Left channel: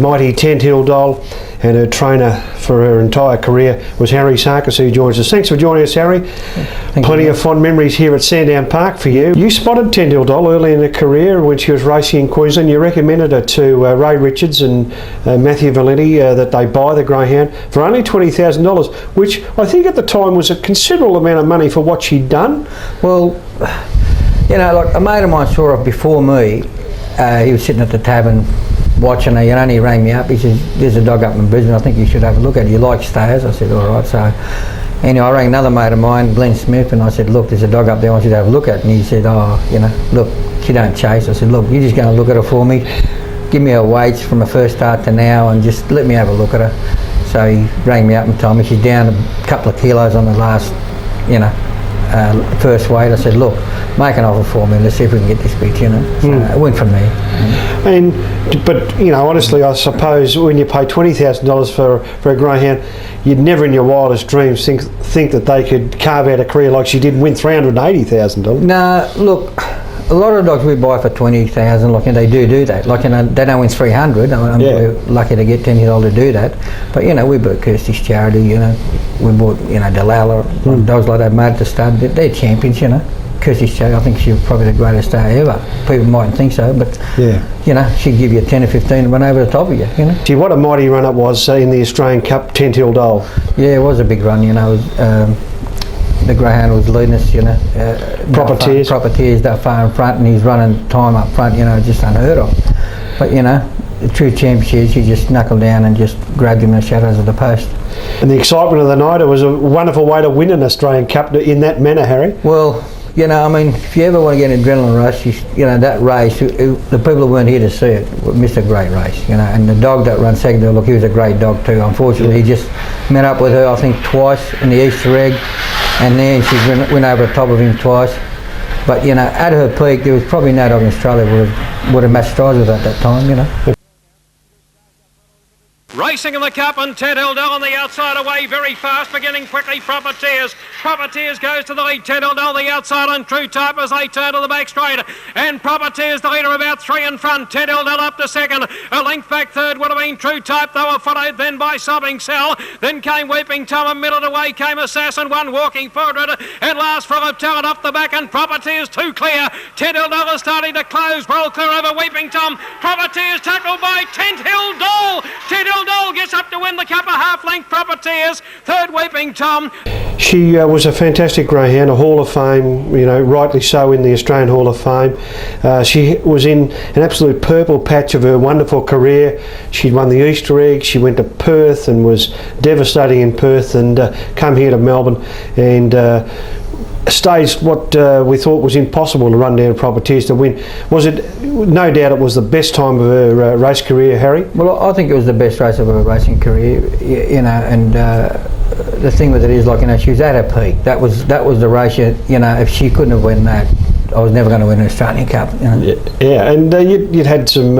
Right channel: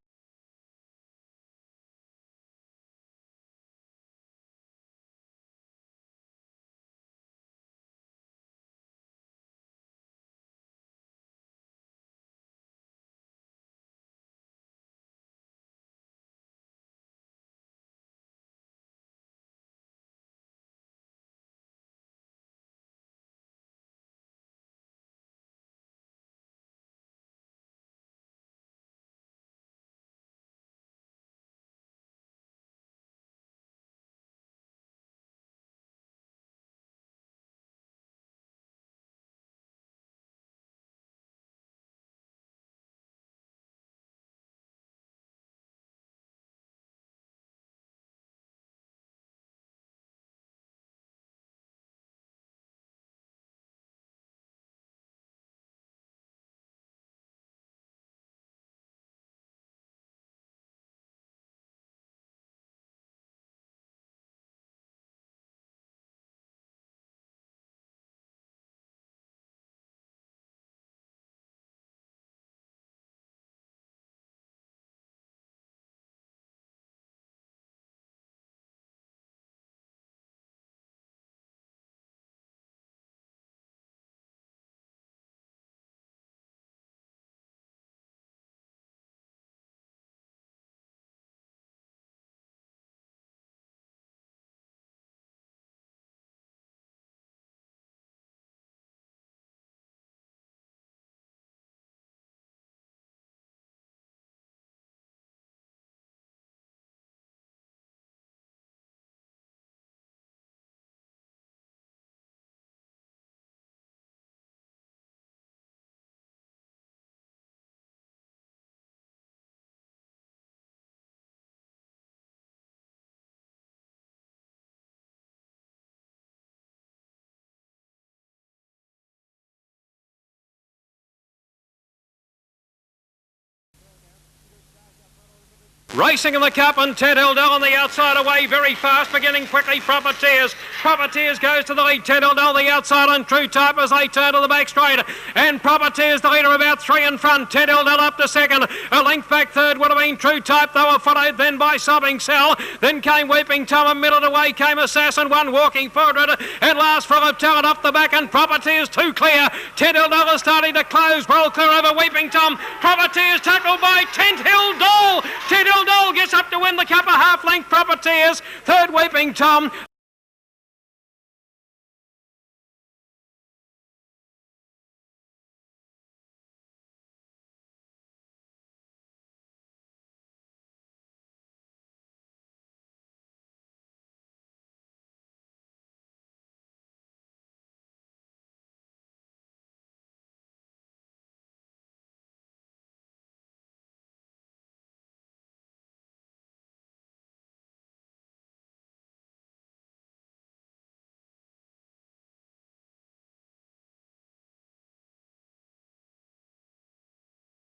mighty Tenthill Doll, and her trainer for her entire career was Harry Sarkis, who joins us. Thanks for joining us, Harry. Plenty of fond memories here at Sandown Park for you. You spotted Tenthill Doll early in her career when she was racing in Queensland. You recommended her to Ray Richards and Matthew Valenti that they buy the greyhound for only $20,000, which I think at the time was a considerable amount of money for what she'd done. Well, you know, like a mate of mine saw her before me. He was sitting at the tavern watching her, and he rang me up. He said, "There's a dog up in Brisbane, I think you should have a look at it. You like stayers?" I said, "All right." So anyway, I rang another mate of mine, Glenn Smith, and I said, "Look, there's a dog up there I want you to have a look at." And he said, "Oh, you know, look, she don't chase." I said, "Look, you're just going to look at her for me. Give me her weights from her first start to now and just let me have a look at her." So he rang me up and told me she's down a couple of kilos on the last, first weight. I said, "Look, make an offer for me, let's see if we can get this bitch," So it went from there. But honestly, I suppose when you pay $20,000 for a greyhound, you'd never in your wildest dreams think that they could carve out a career like she did and win $380,000. No, look, a lot of dogs we buy for $20,000, they do that. They don't win 300. We're lucky to get $10 to do that. But we bought Kirsty's Charity. We bought Delilah, dogs like that made at the stud. They're champions. Kirsty's Charity, I think she was probably the greatest star ever. People mightn't think so, but she'd give you 10 or 15 and run over the top of you. Gee, what a mighty run it was in the Australian Cup, Tenthill Doll. Yeah, it was a big run. The greyhound was leading us. Properteers that far in front, and he's running time up front. Just unheard of. But the true championship, she just knuckled down and just grabbed him in the shadows of the post. And the excitement of the night, it was a wonderful way to win an Australian Cup in that manner, Harry. Well, if you ever want to get an adrenaline rush, that race, the people who weren't here to see it missed a great race, and the dog that ran second, look, he was a great dog too. Unfortunately, he just met up with her, I think, twice in the Easter egg, and then she went over the top of him twice. But, at her peak, there was probably no dog in Australia would have matched strides with her at that time, Racing in the Cup, and Tenthill Doll on the outside away very fast, beginning quickly. Properteers goes to the lead. Tenthill Doll the outside on True Type as they turn to the back straight, and Properteers the leader, about 3 in front. Tenthill Doll up to second, a length back third would have been True Type. They were followed then by Sobbing Cell, then came Weeping Tom, a minute away came Assassin, one walking forward, and last Full of Talent off the back, and Properteers too clear. Tenthill Doll is starting to close, well clear over Weeping Tom. Properteers tackled by Tenthill Doll. Tenthill Doll gets up to win the Cup, a half-length Properteers, third Weeping Tom. She was a fantastic greyhound, a Hall of Fame, rightly so in the Australian Hall of Fame. She was in an absolute purple patch of her wonderful career. She'd won the Easter egg, she went to Perth and was devastating in Perth, and come here to Melbourne and staged what we thought was impossible to run down Properteers to win. Was it? No doubt it was the best time of her race career, Harry? Well, I think it was the best race of her racing career, and the thing with it is, she was at her peak. That was the race, if she couldn't have won that, I was never going to win an Australian Cup. Yeah, and you'd had some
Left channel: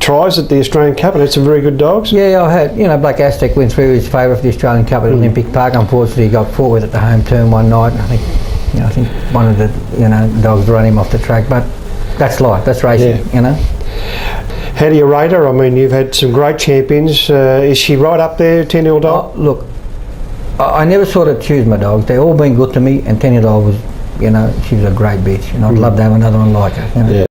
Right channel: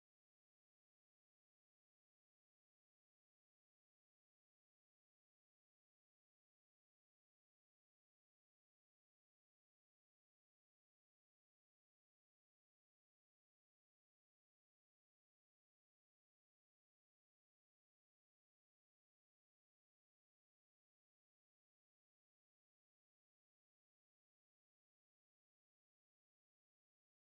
tries at the Australian Cup and had some very good dogs. Yeah, I had, Black Aztec went through his favourite for the Australian Cup at Olympic Park. Unfortunately, he got fought with at the home turn one night. I think one of the dogs ran him off the track, but that's life, that's racing, How do you rate her? I mean, you've had some great champions. Is she right up there, Tenthill Doll? Look, I never sort of choose my dogs. They've all been good to me, and Tenthill Doll was, she was a great bitch, and I'd love to have another one like her.